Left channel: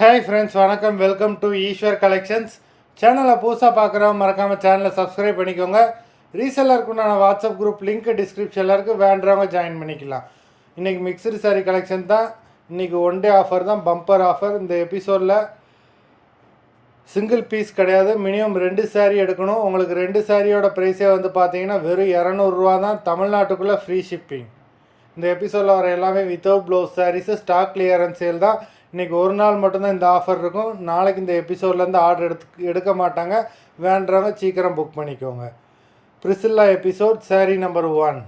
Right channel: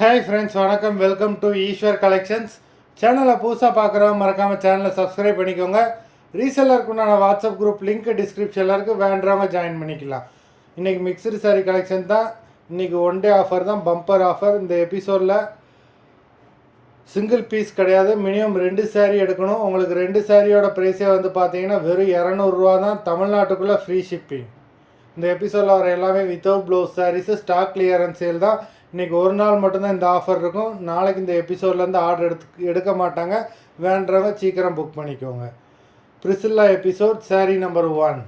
Hi friends, வணக்கம். Welcome to Eswar collections. சேனலை புதுசாக பார்க்குறவங்க மறக்காமல் சேனலை சப்ஸ்கிரைப் பண்ணிக்கோங்க. ரீசெல்லருக்கு உண்டான வாட்ஸ்அப் குரூப் லிங்க் டிஸ்கிரிப்ஷனில் இருக்குது, வேண்டுறவங்க ஜாயின் பண்ணிக்கலாம். இன்றைக்கி மிக்சடு சாரீ கலெக்ஷன் தான். இன்றைக்கி ஒன் டே ஆஃபர் தான், பம்பர் ஆஃபர். இந்த எபிசோடில் சிங்கிள் பீஸ் கிடையாது, மினிமம் 2 சாரீ எடுக்கணும். உங்களுக்கு 2 சாரியோட ப்ரைஸே வந்து பார்த்தீங்கன்னா வெறும் 200 தான். தமிழ்நாட்டுக்குள்ளே ஃப்ரீ ஷிப்பிங். இந்த எபிசோடில் வர எல்லாமே without blouse sarees, stock clearance sale தான். இன்றைக்கி ஒரு நாள் மட்டும்தான் இந்த ஆஃபர் இருக்கும். நாளைக்கு இந்த எபிசோட்லேருந்து ஆர்டர் எடுக்க மாட்டாங்க. வேண்டுறவங்க சீக்கிரம் புக் பண்ணிக்கோங்க. பிரிசில்லா எபிசோட் சாரீ நம்பர் 1.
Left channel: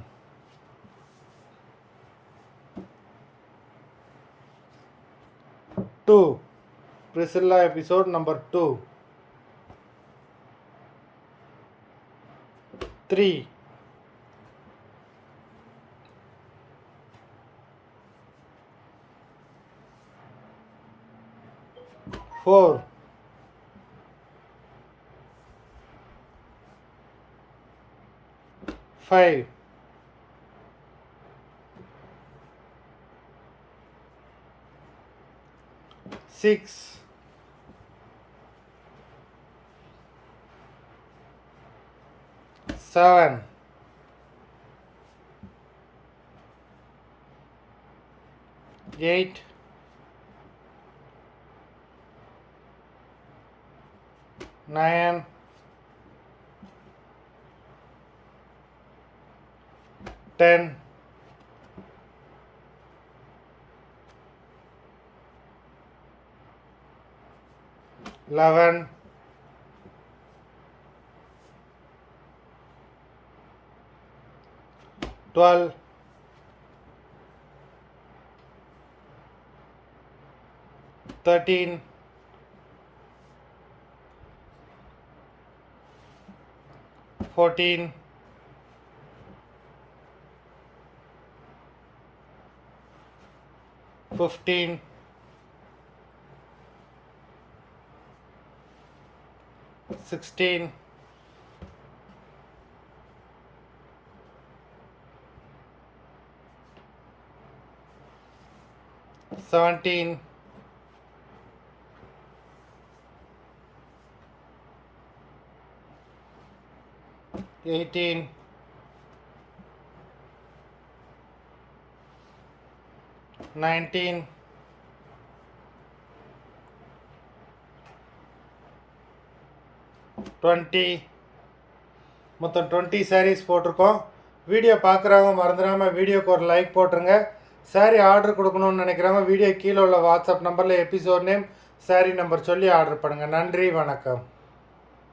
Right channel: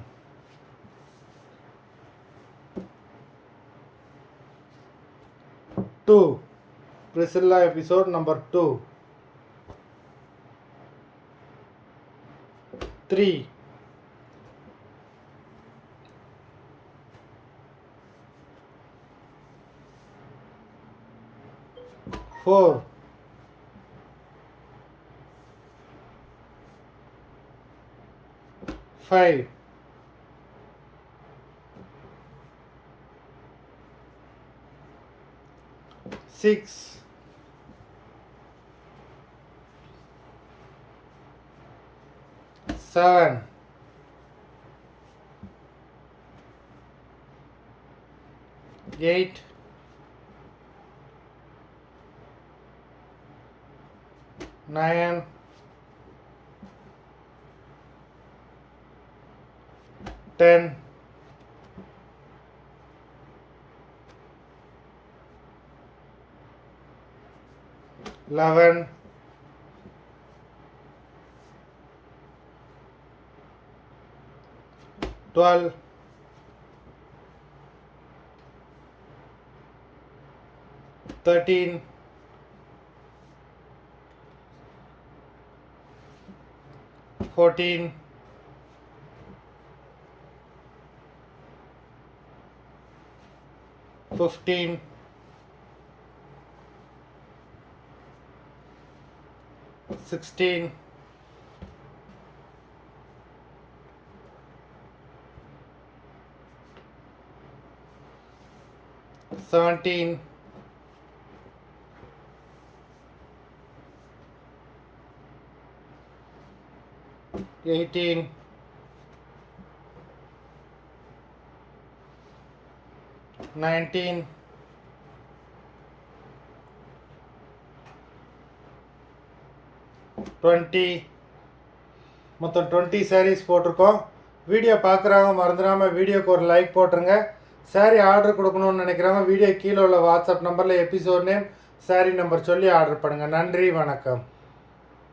Priscilla episode number 2. 3. 4. 5. 6. 7. 8. 9. 10. 11. 12. 13. 14. 15. 16. 17. 18. 19. 20. மொத்தம் 20 சாரீஸ் போட்டிருக்கோம். வீடியோ பார்க்குறவங்க மறந்துடாமல் வீடியோக்கு ஒரு லைக் போட்டுருங்க. சாரீ ஆர்டர் கொடுக்கணுன்னு நினைக்கிறவங்க வீடியோ கீழே உள்ள வாட்ஸ்அப் நம்பரில் எபிசோட் நேம், சாரீ நம்பர் சொல்லி ஆர்டர் பண்ணுங்கள். நன்றி, வணக்கம்.